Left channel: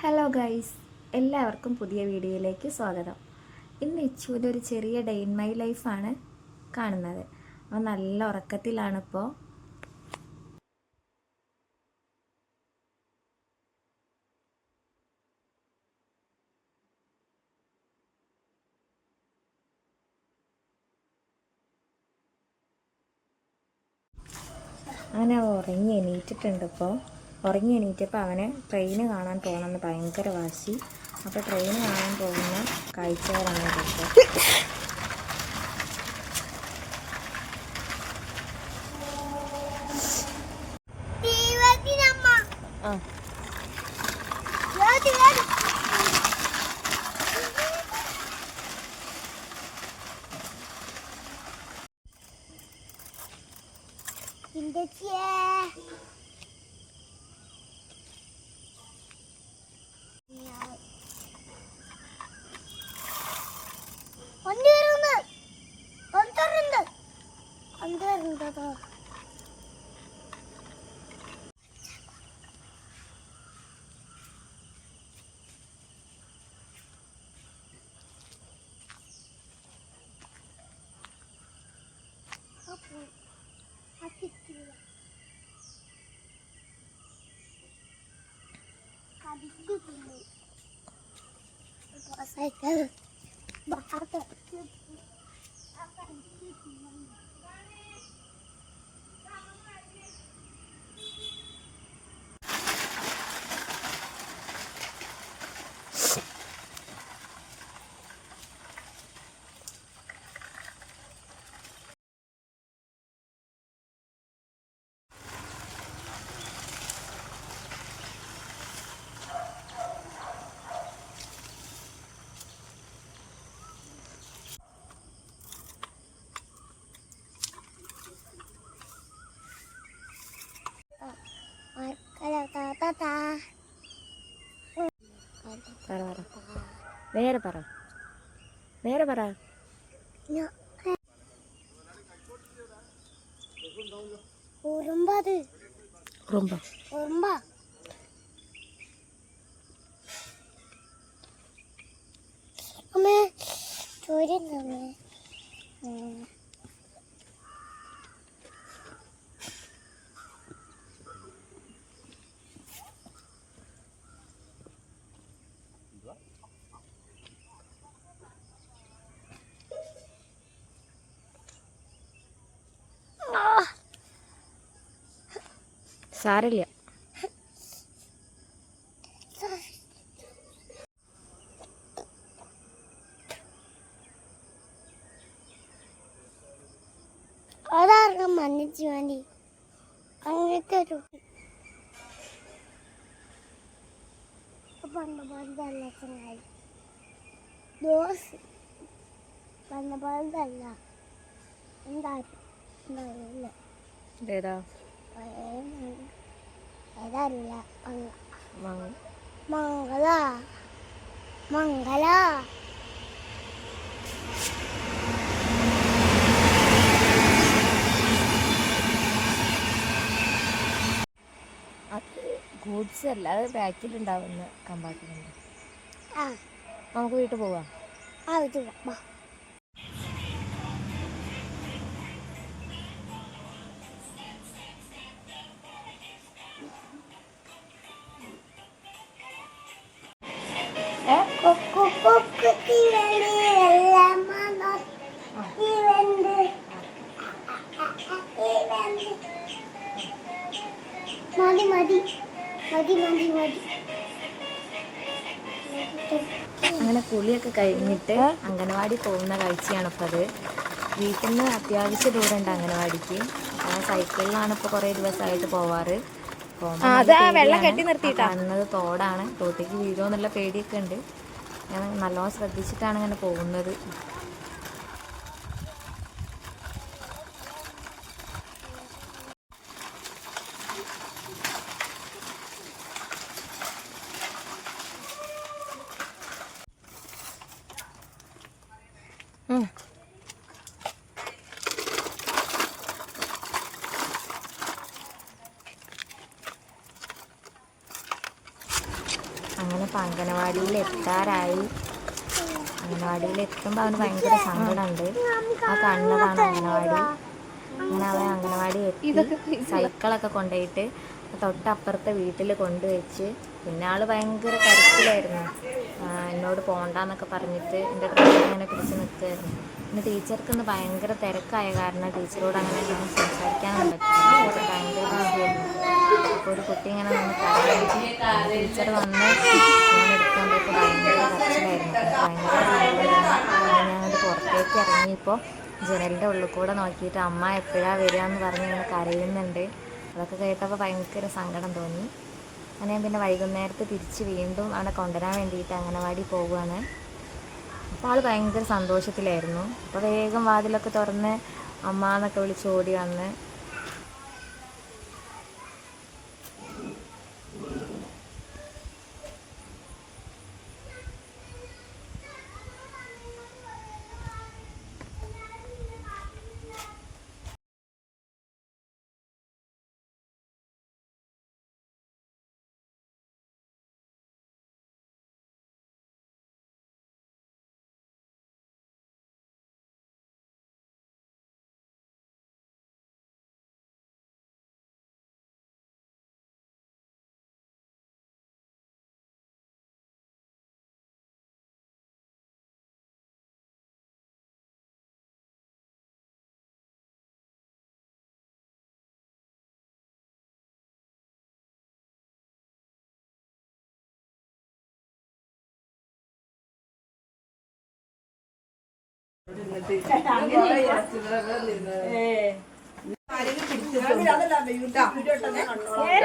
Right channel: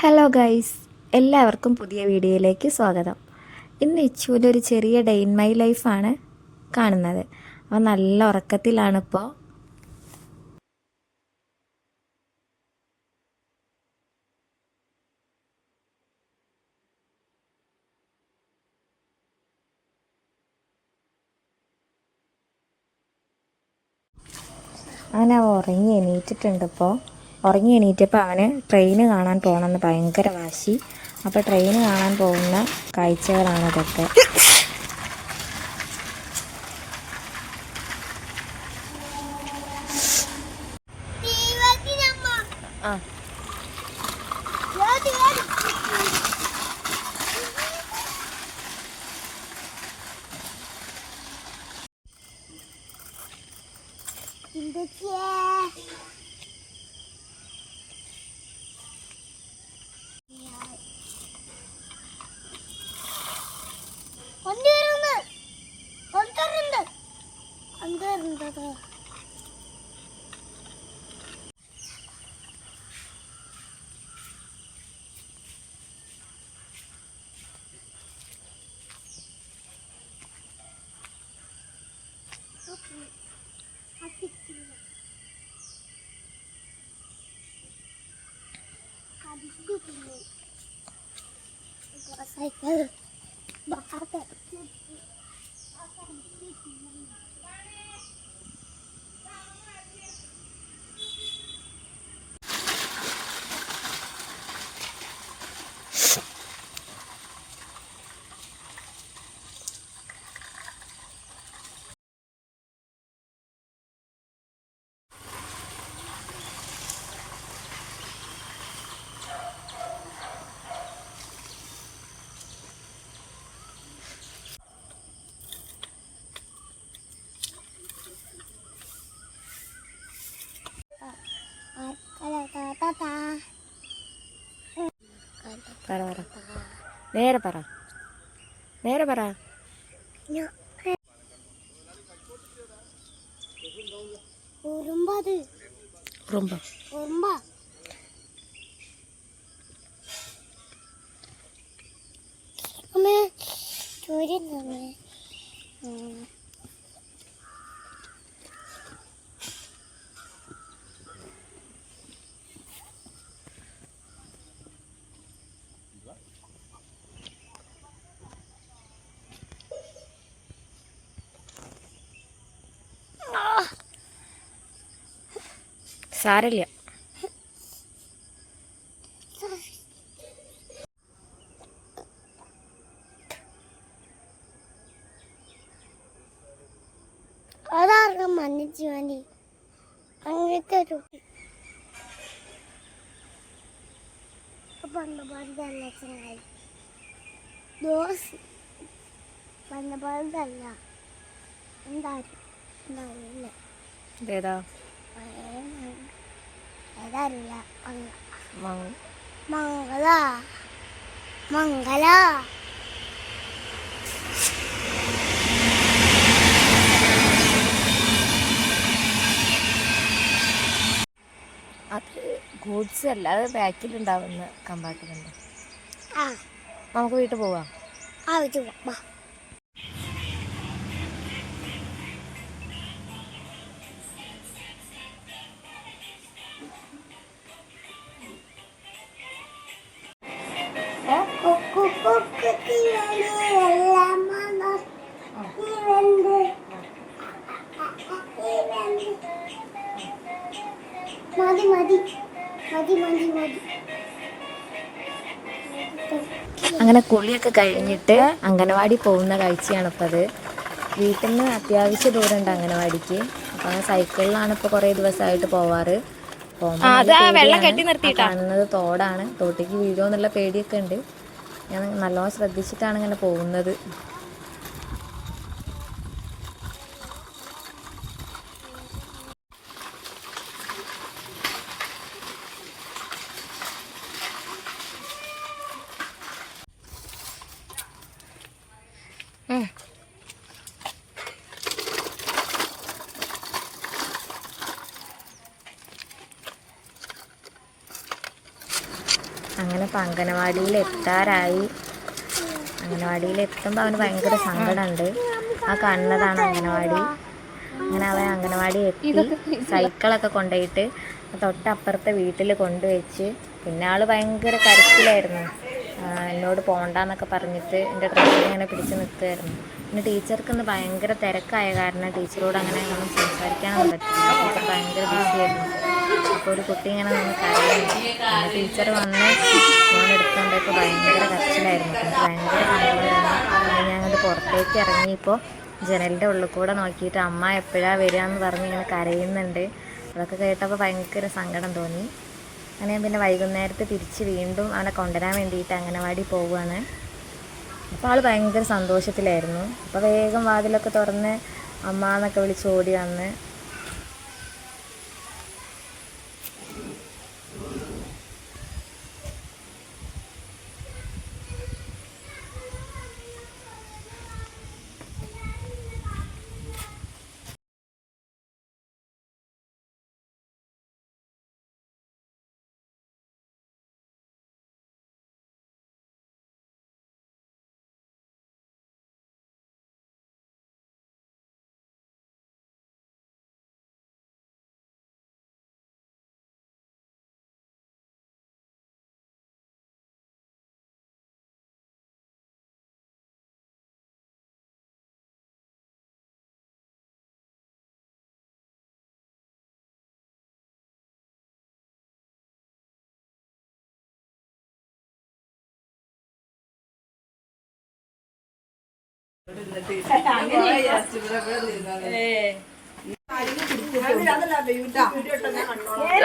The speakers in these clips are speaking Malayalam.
ഹലോ ഗൈസ് എല്ലാവർക്കും പുതിയ വീഡിയോയിലേക്ക് സ്വാഗതം. ഇന്ന് ഇച്ചുവിന്റെ ഒരു ചെറിയ ഡേ ഇൻ മൈ ലൈഫാണ് കാണുന്നത്. അവൻ നല്ല ഉറക്കത്തിലാണിപ്പോൾ അവൻ ഉറങ്ങി എണീറ്റിട്ടുണ്ട് ഇപ്പോൾ ഉറങ്ങി എണീറ്റപ്പോൾ അവന് ട്രെയിന് കാണാൻ പോകണമെന്ന് ഭയങ്കര വാശി. അപ്പോൾ ട്രെയിന് കാണാൻ പോകുന്ന കാഴ്ചകളാണ് ഇതൊക്കെ. ആ. വണ്ടി വരുന്നു കൊണ്ടുവരുന്നുണ്ട് കൊണ്ടുവരുന്നത് സൈക്കിൾ Ay, നേരെ പറ. നേരെ പറ. ഉറുമ്പ ഉറുമ്പ. അമ്മേ സാരല്ല. അതാർക്കും വേണ്ടി അങ്ങനത്തെ ഒരു ചങ്ങായി. എന്തായാലും എന്തായാലും ഏതാ ഏതല്ല മംഗള. മംഗള. ഗൂഡ്സ് അല്ല അത് ബാക്കിലുണ്ടാവുന്ന കമ്പാർട്ട്മെന്റ്. ആ. നമുക്ക് വീട്ടിൽ പോവാം. ആ വെച്ചു വാ. അങ്ങനെ കുളിയൊക്കെ കഴിഞ്ഞിട്ട് അംഗനവാടി പോകുന്ന കാഴ്ചയാണ് ഇപ്പോൾ അത്. വീട്ടിൽ നിന്ന് അത്യാവശ്യ ദൂരമുണ്ട് അംഗനവാടിക്ക്. അപ്പോൾ സൈക്കിളിലാണ് ഇപ്പോൾ കുറേ ദിവസമായിട്ട് പോവാറ്. കാണുന്നത് തോടാണ്. തോട്ടിക്ക് വീഴുമോ എന്നുള്ള പേടിയൊക്കെ ഉണ്ട്. ഞാൻ നല്ലോണം ശ്രദ്ധിച്ചിട്ടാണ് ഇങ്ങനെ പോകുന്നത്. അങ്ങനെ ഇപ്പം അംഗനവാടിയിൽ എത്താറായി അംഗനവാടിയിൽ എത്തുമ്പോൾ അവന് ഭയങ്കര സങ്കടമുണ്ട്. ആ കാണുന്നതാണ് അംഗനവാടി. അങ്ങനെ അവൻ അംഗനവാടി എത്തി. സൈക്കിളൊക്കെ കൊണ്ടുപോയിട്ട് തൊട്ടപ്പുറത്തെ വീട്ടിൽ കൊണ്ടുവച്ച്. പിന്നെ ആൾ ഭയങ്കര കരച്ചിലായിരുന്നു. എന്നോട് പോണ്ടെന്നൊക്കെ പറഞ്ഞിട്ട് എന്റെ ഡ്രസ്സിൽ ഇങ്ങനെ പിടിച്ച് നിൽക്കുമായിരുന്നു പിന്നെ ടീച്ചർക്ക് ഇന്ന് ഭയങ്കര തിരക്കായ കാരണം ടീച്ചറോട് അങ്ങനെ ഒന്നും സംസാരിക്കാനൊന്നും പറ്റില്ല. ടീച്ചർ ഭയങ്കര ബിസിയായിരുന്നു അപ്പോൾ ഒരു കുട്ടി ഇങ്ങനെ നിന്ന് പിന്നെ ടീച്ചർ വന്ന് ഞാൻ എടുത്തുകൊണ്ടപ്പോൾ ഭയങ്കര കച്ചിലായിരുന്നു ഭയങ്കര സങ്കടമായിരുന്നു ഞാൻ അങ്ങോട്ട് പുറത്തേക്ക് ഇറങ്ങിയപ്പോൾ ജനലിന്റെ ഉള്ളിൽ കൂടെ നോക്കിയിട്ട് അമ്മ എപ്പോഴാ വരിക എന്ന് പറഞ്ഞ് ഇങ്ങനെ കരയുന്നുണ്ട്. അതൊക്കെ കേട്ടപ്പോൾ ഭയങ്കര സങ്കടം തോന്നി. അങ്ങനെ ഞാൻ പിന്നെ വൈകുന്നേരത്ത് തിരിച്ച് വീണ്ടും അവനെ കൊണ്ടുവരാൻ വേണ്ടിയിട്ട് അംഗനവാടി പോവുകയാണ്. അപ്പോൾ ആൾ ഭയങ്കര സന്തോഷത്തിലായിരുന്നു. അപ്പോൾ വേഗം വാതിലൊക്കെ തുറന്ന് അമ്മ എന്നൊക്കെ വിളിച്ച് ഓടി വന്ന്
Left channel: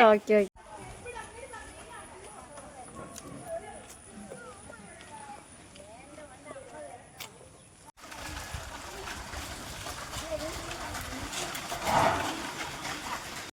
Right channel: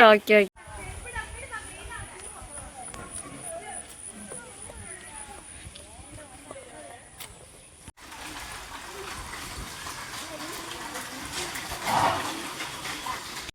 ഓക്കെ ഓക്കെ.